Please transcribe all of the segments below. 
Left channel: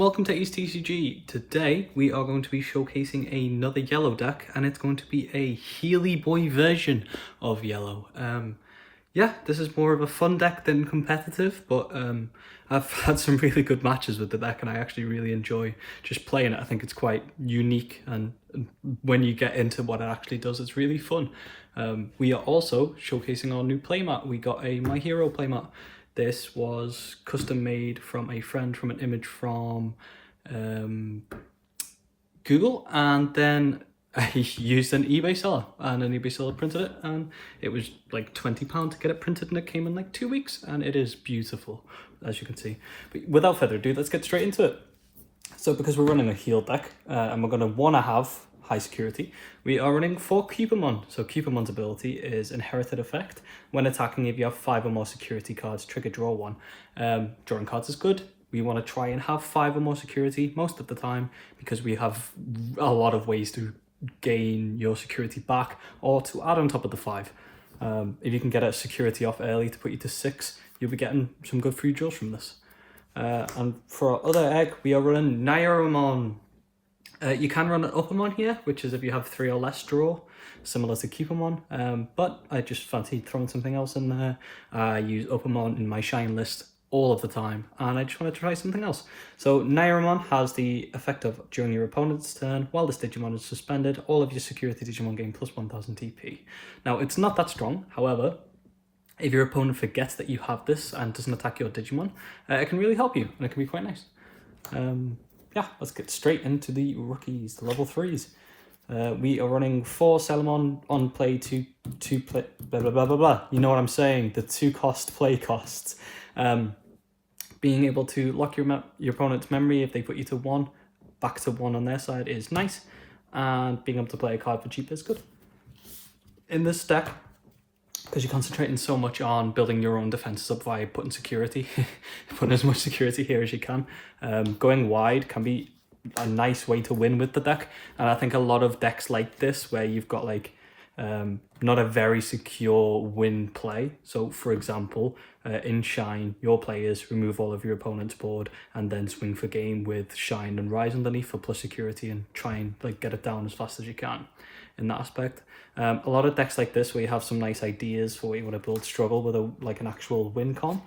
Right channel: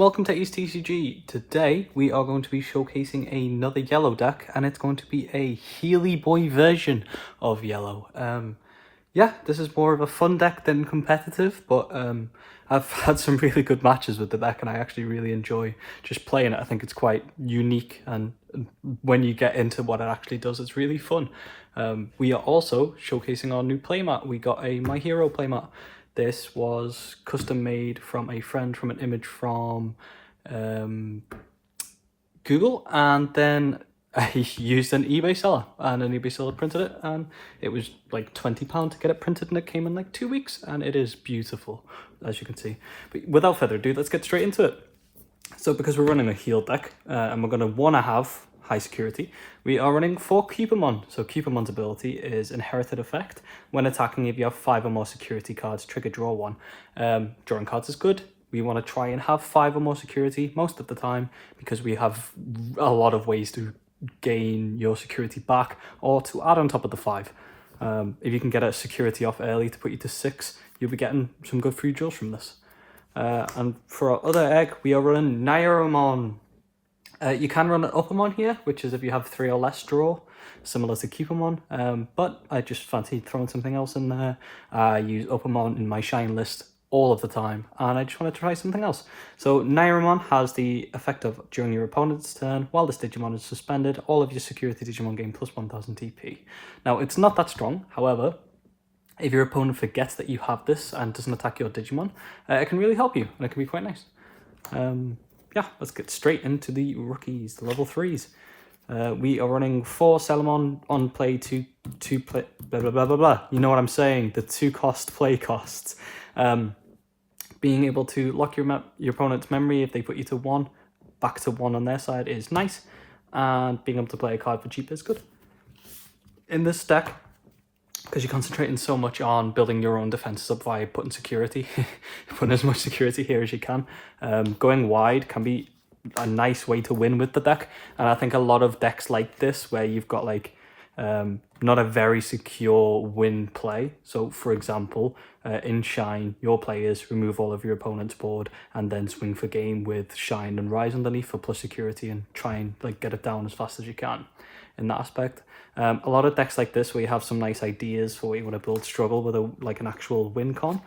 welcome to Ace TCG. Today we are going to be showcasing another yellow deck, and it's going to be a Healy Boy version of yellow. Yeah, this is more of a fun deck than competitive, but I've had some really good matches with the deck and I actually really enjoy just playing it. I think it's quite unique, and when you get into what it actually does, it's really fun. We are also showcasing our new playmat. We got a My Hero playmat. This was custom made from a friend from an image from Google, and then I used an eBay seller, and an eBay seller printed it, and it was like £20 to get it printed, and it came in like 2 weeks, and it is beautiful, as you can see. But without further ado, let's get straight into it. So because we're running a heal deck, and we're going to want to have high security, we are running 4 Cupomon. So Cupomon's ability is inherited effect. When attacking, if you have 5 or more security cards, trigger draw 1. Drawing cards is good. We want to try and have 5 or more security most of the time, because we have a lot of ways to gain your security back or to add on top of the 5. If you can get a security off early to put you to 6, you'll be getting some good free draws from this. And for our other egg, we are running Nairomon. You can run an Uppermon here, which is if you have 3 or less draw, similar to Cupomon, but I just fancied throwing something else in there. I use Uppermon in my Shine list all of the time, and I just want to try something else. So Nairomon has the effect of, during your opponent's turn, while this Digimon is suspended, all of your security Digimon gain plus 1000 TP. Now, it's not that strong, however, if your opponent forgets that you have this and doesn't attack your Digimon, it can really help you, and it can be quite nice. Yeah, let's get straight into the rookies, the level 3s. We are running 4 Salamon on play, 2 play, blah, blah, blah, blah, blah. You know what I'm saying, the 2 cost play costs. Being able to lock your opponent's memory if they put you to 1, back to 1 on their side is nice, and being able to play a card for cheap is good. In this deck, because you're concentrating so much on building your own defenses up via putting security, putting as much security here as you can, going wide can be a nice way to win with the deck. And I think a lot of decks like this, where you've got like not a very secure win play. So for example, in Shine, your players remove all of your opponent's board and then swing for game with Shine and Rise underneath for plus security, and try and like get it down as fast as you can in that aspect. A lot of decks like this, where you have some nice ideas for what you want to build, struggle with like an actual win con.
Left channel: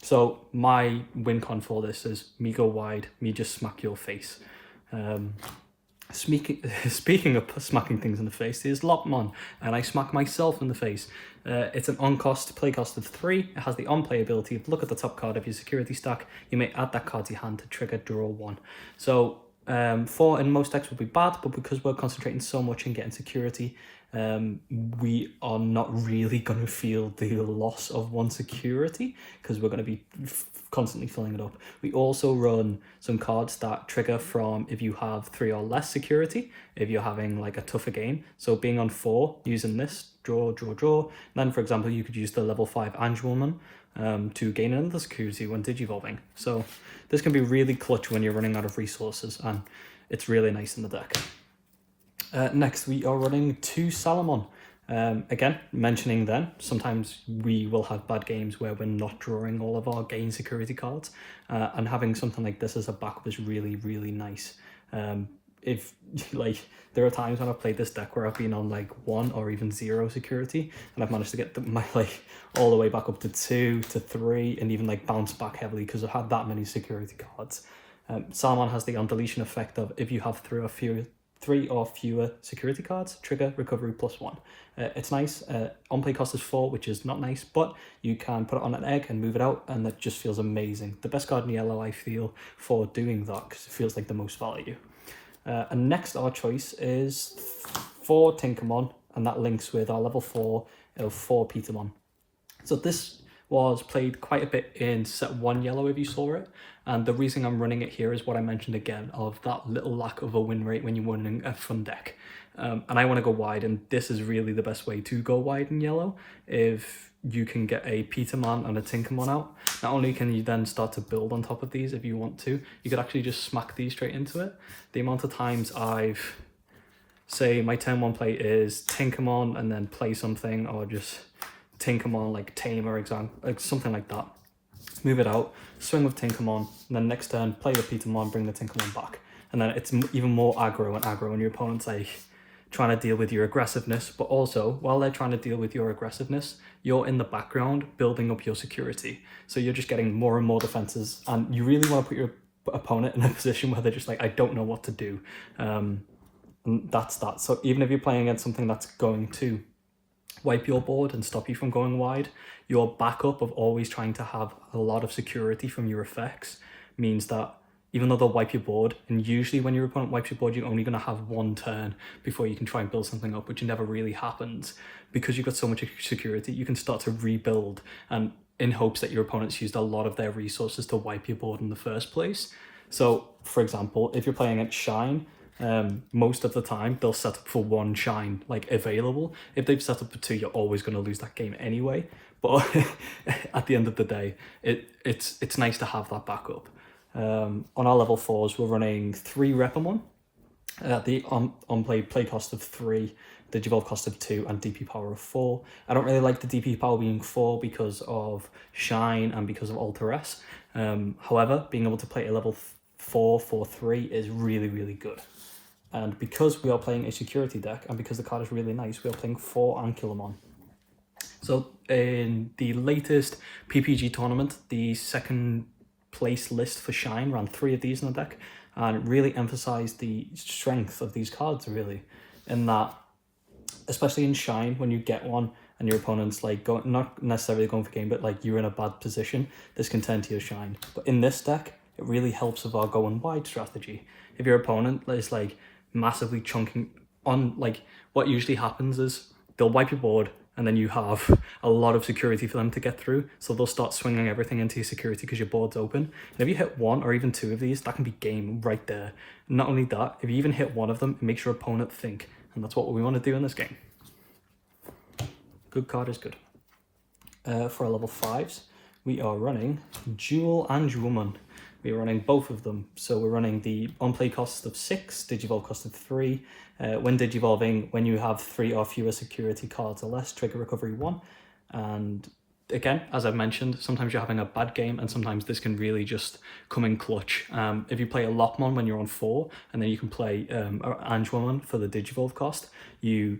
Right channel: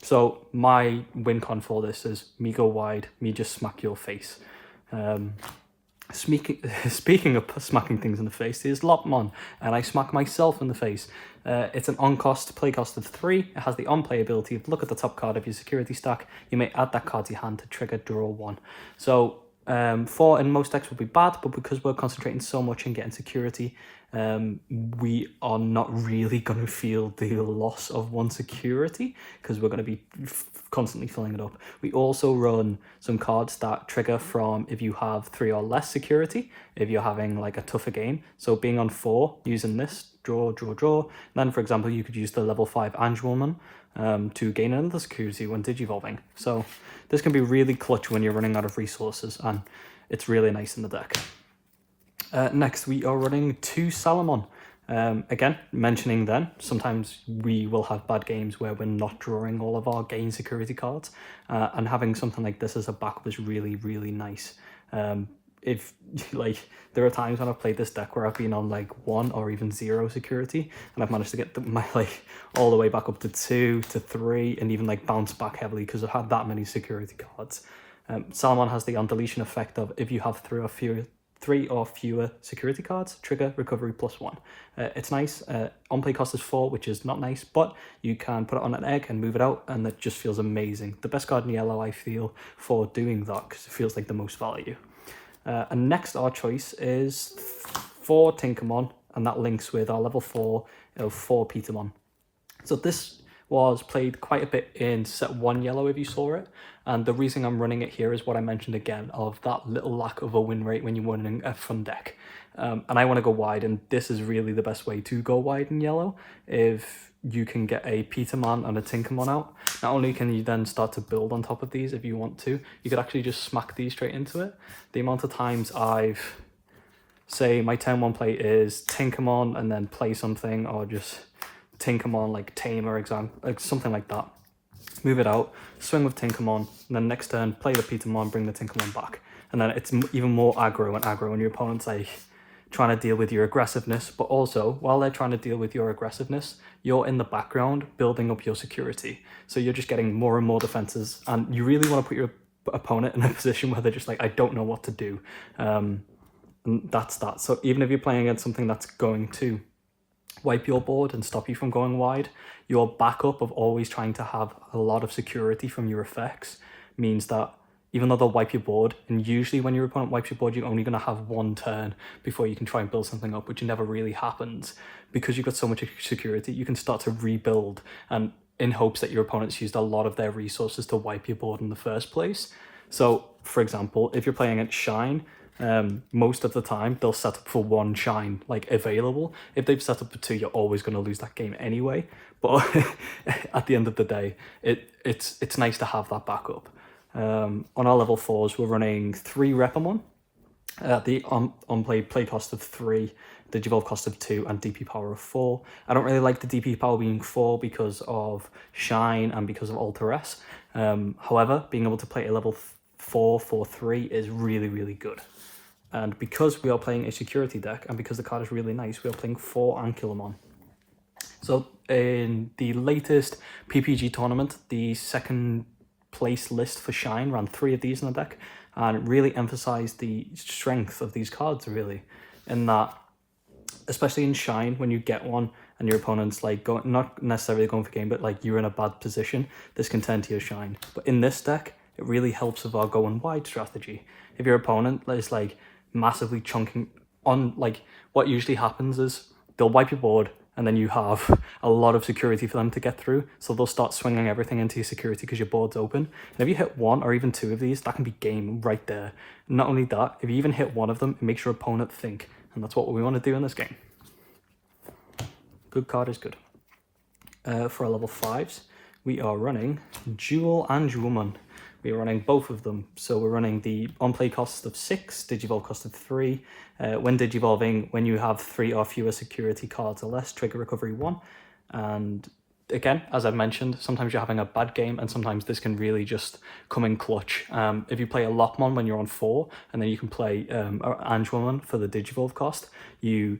So my win con for this is me go wide, me just smack your face. Speaking of smacking things in the face, here's Lopmon, and I smack myself in the face. It's an on-cost play cost of 3. It has the on-play ability of look at the top card of your security stack. You may add that card to your hand to trigger draw 1. So 4 in most decks would be bad, but because we're concentrating so much in getting security, we are not really going to feel the loss of 1 security, because we're going to be constantly filling it up. We also run some cards that trigger from if you have 3 or less security, if you're having like a tougher game. So being on 4, using this, draw. Then for example, you could use the level 5 Angelwoman to gain another security when digivolving. So this can be really clutch when you're running out of resources, and it's really nice in the deck. Next, we are running 2 Salamon. Again, mentioning then, sometimes we will have bad games where we're not drawing all of our gain security cards, and having something like this as a back was really, really nice. If like, there are times when I've played this deck where I've been on like 1 or even 0 security, and I've managed to get my like all the way back up to 2 to 3, and even like bounce back heavily because I've had that many security cards. Salamon has the on deletion effect of if you have 3 or fewer security cards, trigger recovery plus 1. It's nice. On play cost is 4, which is not nice, but you can put it on an egg and move it out, and that just feels amazing. The best card in yellow, I feel, for doing that, because it feels like the most value. And next, our choice is 4 Tinkermon, and that links with our level 4 of 4 Petermon. So this was played quite a bit in set 1 yellow, if you saw it, and the reason I'm running it here is what I mentioned again, of that little lack of a win rate when you're running a fun deck. And I want to go wide, and this is really the best way to go wide in yellow. If you can get a Petermon and a Tinkermon out, not only can you then start to build on top of these if you want to, you could actually just smack these straight into it. The amount of times I've, say my turn 1 play is Tinkermon and then play something, or just Tinkermon like Tamer, something like that, move it out, swing with Tinkermon, and then next turn, play the Petermon, bring the Tinkermon back. And then it's even more aggro and your opponent's like trying to deal with your aggressiveness, but also while they're trying to deal with your aggressiveness, you're in the background building up your security. So you're just getting more and more defenses, and you really want to put your opponent in a position where they're just like, I don't know what to do. And that's that. So even if you're playing against something that's going to wipe your board and stop you from going wide, your backup of always trying to have a lot of security from your effects means that even though they'll wipe your board, and usually when your opponent wipes your board, you're only going to have one turn before you can try and build something up, which never really happens. Because you've got so much security, you can start to rebuild, and in hopes that your opponent's used a lot of their resources to wipe your board in the first place. So, for example, if you're playing at Shine, most of the time they'll set up for one Shine like available. If they've set up for two, you're always going to lose that game anyway. But at the end of the day, it's nice to have that backup. On our level 4s, we're running 3 Repamon, the play cost of 3, Digivolve cost of 2, and DP power of 4. I don't really like the DP power being 4 because of Shine and because of Alter S. However, being able to play a level 4 for 3 is really, really good. And because we are playing a security deck, and because the card is really nice, we are playing 4 Ankylomon. So in the latest PPG tournament, the second place list for Shine ran 3 of these in the deck, and it really emphasized the strength of these cards, really, in that, especially in Shine, when you get one and your opponent's like not necessarily going for game, but like you're in a bad position, this can turn to your Shine. But in this deck, it really helps with our going wide strategy. If your opponent is like massively chunking on, like what usually happens is they'll wipe your board, and then you have a lot of security for them to get through. So they'll start swinging everything into your security because your board's open. And if you hit 1 or even 2 of these, that can be game right there. Not only that, if you even hit 1 of them, it makes your opponent think. And that's what we want to do in this game. Good card is good. For our level 5s, we are running Dual and Woman. We are running both of them. So we're running the on-play cost of 6, Digivolve cost of 3. When Digivolving, when you have 3 or fewer security cards or less, trigger recovery 1. And again, as I've mentioned, sometimes you're having a bad game, and sometimes this can really just come in clutch. If you play a Lockmon when you're on 4, and then you can play Angewoman for the Digivolve cost, you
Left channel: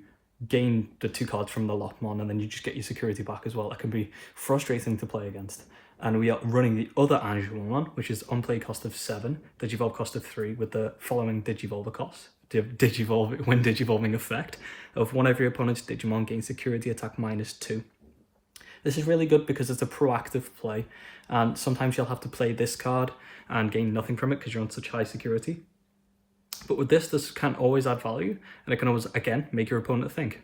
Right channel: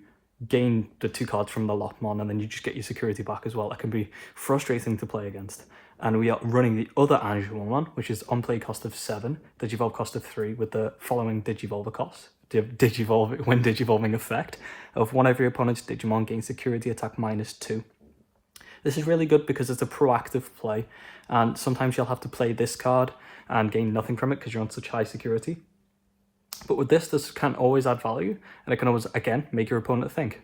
gain the 2 cards from the Lockmon, and then you just get your security back as well. That can be frustrating to play against. And we are running the other Angewoman, which is on play cost of 7, Digivolve cost of 3, with the following Digivolver cost. When Digivolving effect of one of your opponent's Digimon gains security attack -2. This is really good because it's a proactive play, and sometimes you'll have to play this card and gain nothing from it because you're on such high security. But with this can always add value, and it can always, again, make your opponent think.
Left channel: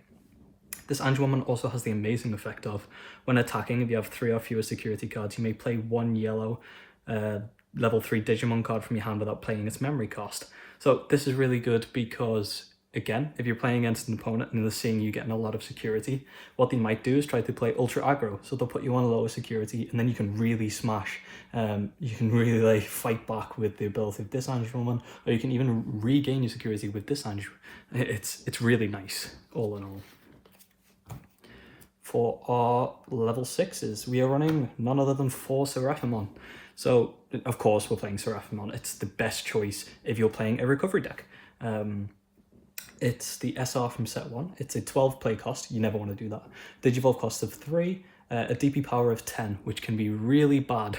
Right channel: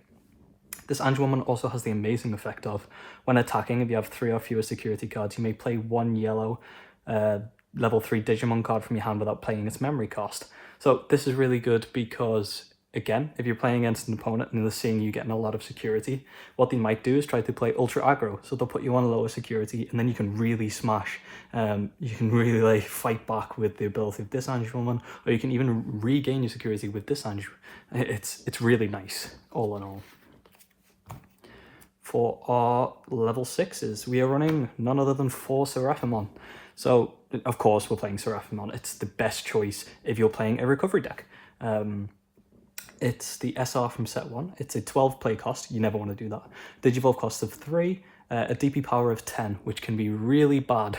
This Angewoman also has the amazing effect of, when attacking, if you have 3 or fewer security cards, you may play 1 yellow level 3 Digimon card from your hand without paying its memory cost. So this is really good because, again, if you're playing against an opponent and they're seeing you getting a lot of security, what they might do is try to play ultra aggro. So they'll put you on lower security, and then you can really smash. You can really like fight back with the ability of this Angewoman, or you can even regain your security with this Angewoman. It's really nice, all in all. For our level 6s, we are running none other than 4 Seraphimon. So, of course, we're playing Seraphimon. It's the best choice if you're playing a recovery deck. It's the SR from set 1. It's a 12 play cost. You never want to do that. Digivolve cost of 3, a DP power of 10, which can be really bad.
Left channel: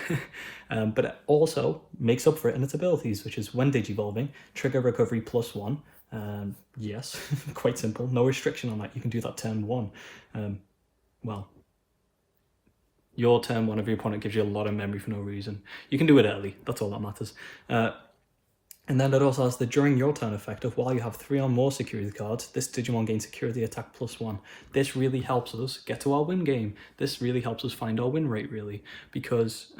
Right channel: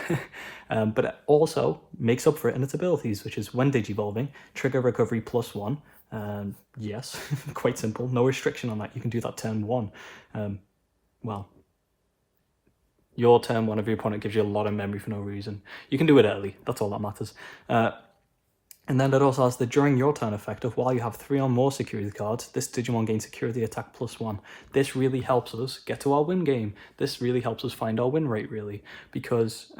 But it also makes up for it in its abilities, which is when Digivolving, trigger recovery +1. Yes, quite simple. No restriction on that. You can do that turn 1. Well, your turn 1 of your opponent gives you a lot of memory for no reason. You can do it early, that's all that matters. And then it also has the during your turn effect of, while you have 3 or more security cards, this Digimon gains security attack +1. This really helps us get to our win game. This really helps us find our win rate, really, because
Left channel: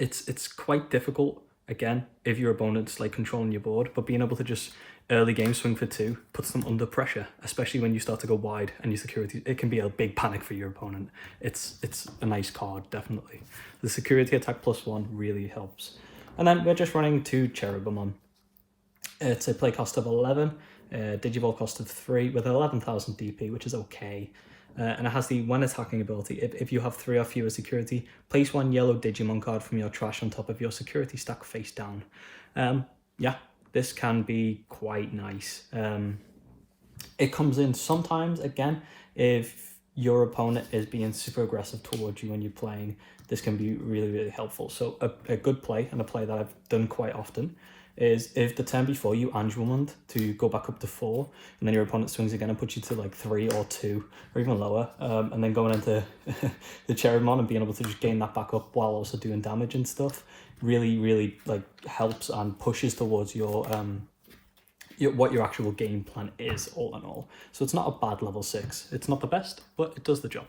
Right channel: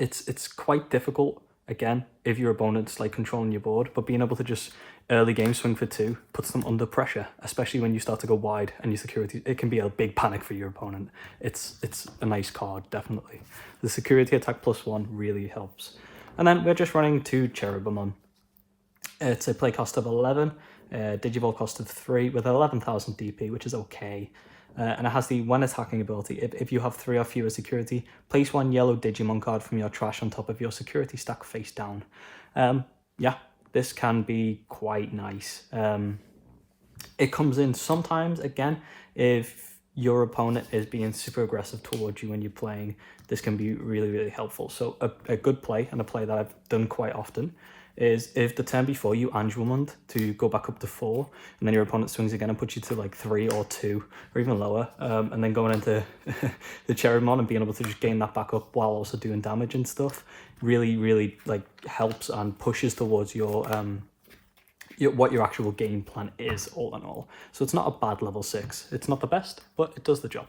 it's quite difficult, again, if your opponent's like controlling your board, but being able to just early game swing for 2 puts them under pressure, especially when you start to go wide and your security, it can be a big panic for your opponent. It's a nice card, definitely. The security attack +1 really helps. And then we're just running 2 Cherubimon. It's a play cost of 11, Digivolve cost of 3 with 11,000 DP, which is okay. and it has the when attacking ability. If you have 3 or fewer security, place 1 yellow Digimon card from your trash on top of your security stack face down. Yeah, this can be quite nice. It comes in sometimes, again, if your opponent is being super aggressive towards you when you're playing, this can be really, really helpful. So a good play, and a play that I've done quite often, is if the turn before you Angelmund to go back up to 4, and then your opponent swings again and puts you to like 3 or 2 or even lower, and then going into the Cherrymon and being able to just gain that back up while also doing damage and stuff, really, really like helps and pushes towards your what your actual game plan is, all in all. So it's not a bad level 6. It's not the best, but it does the job.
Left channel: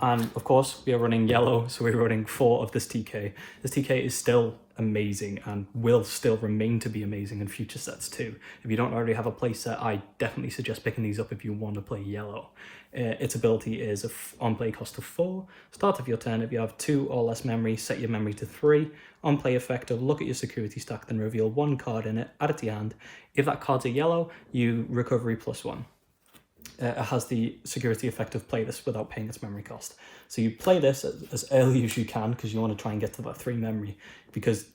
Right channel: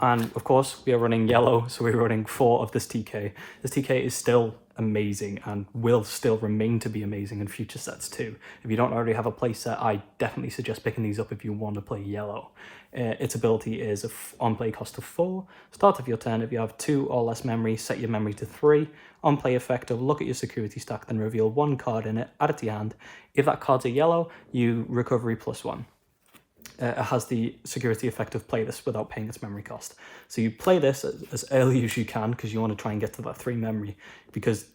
And of course, we are running yellow, so we're running 4 of this TK. This TK is still amazing and will still remain to be amazing in future sets too. If you don't already have a play set, I definitely suggest picking these up if you want to play yellow. Its ability is an on-play cost of 4. Start of your turn, if you have 2 or less memory, set your memory to 3. On-play effect of look at your security stack, then reveal 1 card in it, add it to your hand. If that card's a yellow, you recovery +1. It has the security effect of play this without paying its memory cost. So you play this as early as you can because you want to try and get to that 3 memory. Because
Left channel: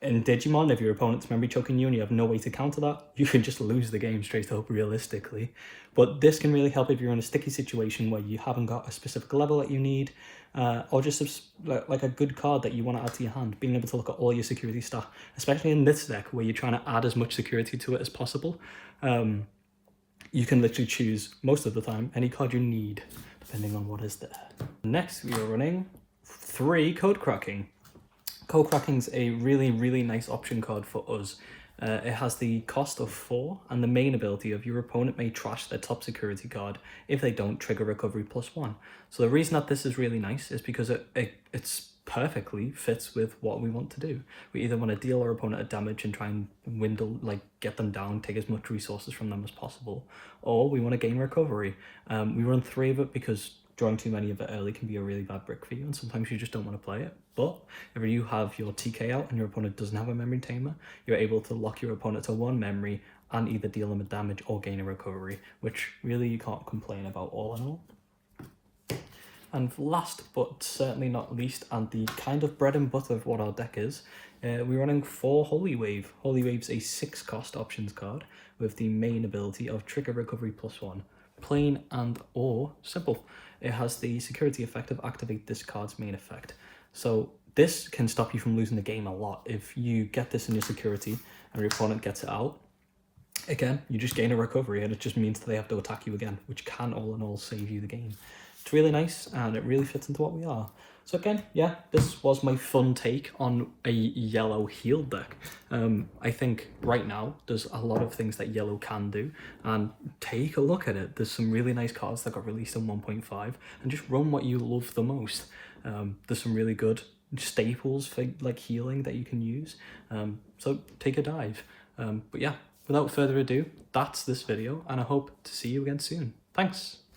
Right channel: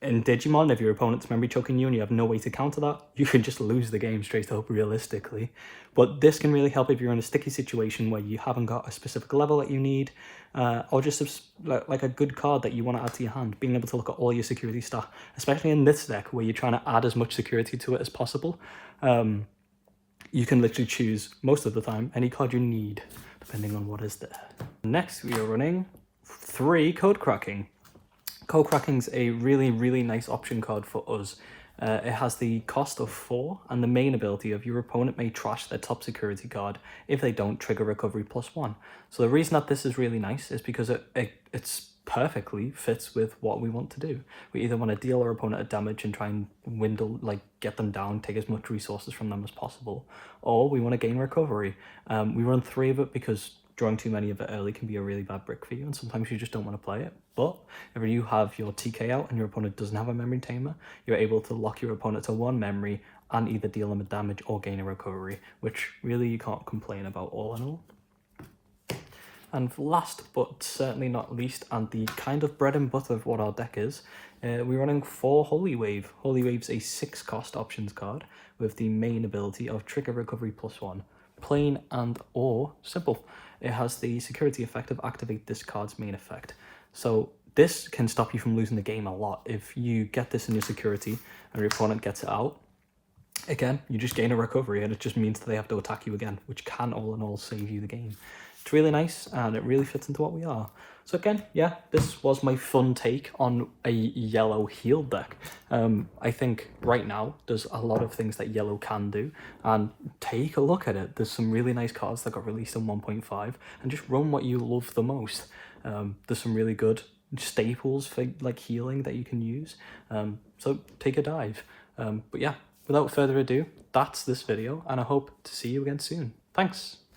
in Digimon, if your opponent's memory choking you and you have no way to counter that, you can just lose the game straight up realistically. But this can really help if you're in a sticky situation where you haven't got a specific level that you need, or just like a good card that you want to add to your hand. Being able to look at all your security stuff, especially in this deck where you're trying to add as much security to it as possible. You can literally choose, most of the time, any card you need, depending on what is there. Next, we are running 3 Code Cracking. Code Cracking's a really, really nice option card for us. It has the cost of 4 and the main ability of your opponent may trash their top security card. If they don't, trigger recovery +1. So the reason that this is really nice is because it's perfectly fits with what we want to do. We either want to deal our opponent a damage and try and get them down, take as much resources from them as possible, or we want to gain recovery. We run 3 of it because drawing too many of it early can be a really bad brick for you, and sometimes you just don't want to play it. But if you have your TK out and your opponent doesn't have a memory tamer, you're able to lock your opponent to 1 memory and either deal them a damage or gain a recovery, which really you can't complain about, all in all. And last but certainly not least, and the kind of bread and butter of what our deck is, we're running 4 Holy Wave. Holy Wave's a 6 cost options card with the main ability of trigger recovery +1. Plain and or simple. It has the security effect of activate this card's main effect. So this can stop you from losing the game a lot. If you get this in your security and your opponent gets it out, again, you just gain a recovery and it just means that they have to attack you again, which can all in all save you the game. It's really nice and it really fits into what we are. So again, yeah, this was my fun take on a yellow heal deck. I think right now there's a lot of things that yellow can do, and take a look at it. There's some really nice cards that got released in 1.5, and just run what you love the most. There's some really good staples for like healing that you can use. So take a dive. But yeah, without further ado, that's this video, and I hope to see you again soon. Thanks.